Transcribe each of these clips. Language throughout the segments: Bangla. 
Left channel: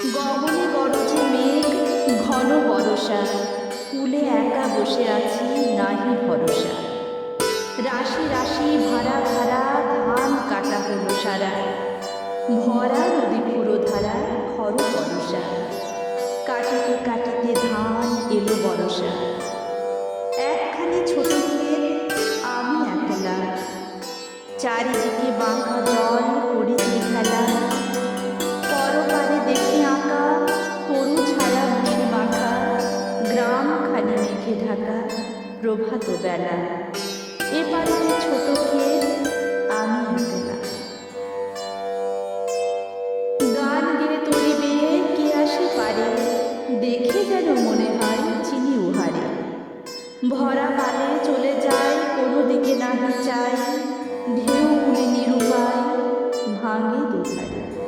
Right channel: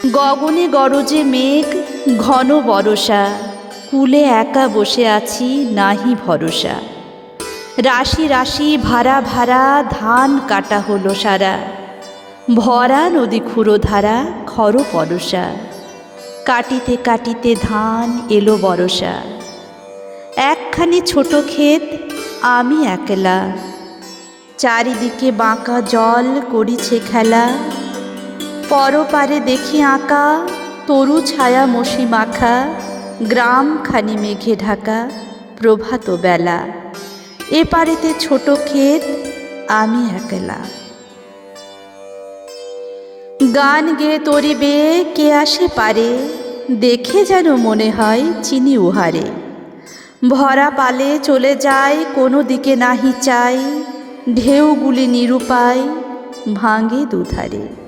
গগনে গরজে মেঘ, ঘন বরষা। কুলে একা বসে আছি, নাহি ভরসা। রাশি রাশি ভাড়া ভাড়া ধান কাটা হলো সারা। ভরা নদী খুঁড়ো ধারা খর পরশা কাটিতে কাটিতে ধান এলো বরষা একখানি ছোট ক্ষেত, আমি একলা। চারিদিকে বাঁকা জল করিছে খেলা। পরপারে দেখি আঁকা, তরু ছায়া মশি মাখা, গ্রাম খানি মেঘে ঢাকা, প্রভাত বেলা। এ পারেতে ছোট ক্ষেত, আমি একলা। গান গেয়ে তরি বেয়ে কে আসে পারে, দেখে যেন মনে হয় চিনি উহারে। ভরা পালে চলে যায়, কোনো দিকে নাহি চাই, ঢেউগুলি নিরুপায়, ভাঙে দুধারে।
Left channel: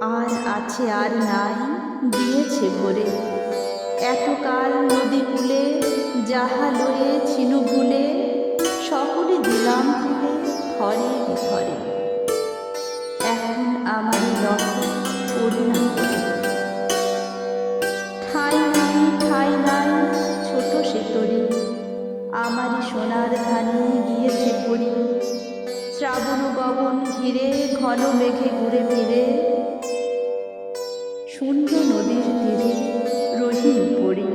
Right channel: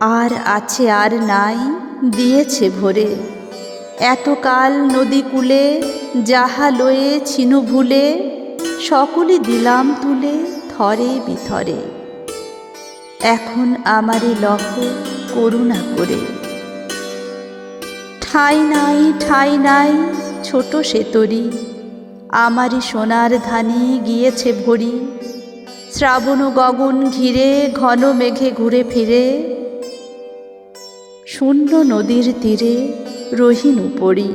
আর আছে আর নাই দিয়েছে ভরে। এতকাল নদী কূলে, যাহা লয়ে ছিনু ভুলে সকলে দিলাম তুলে থরে বিথরে। এখন আমারে লখ করুণা করে। ঠাই নাই ঠাই নাই, ছোট সে তরি। আমারই সোনার ধানে গিয়েছে ভরি। শ্রাবণ গগন ঘিরে, ঘন মেঘে ঘুরে ফিরে। শূন্য নদীর তীরে রহিনু উপরি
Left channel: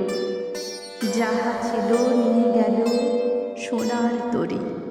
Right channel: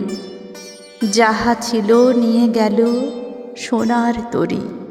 যাহা ছিল নিয়ে গেল সোনার তরী।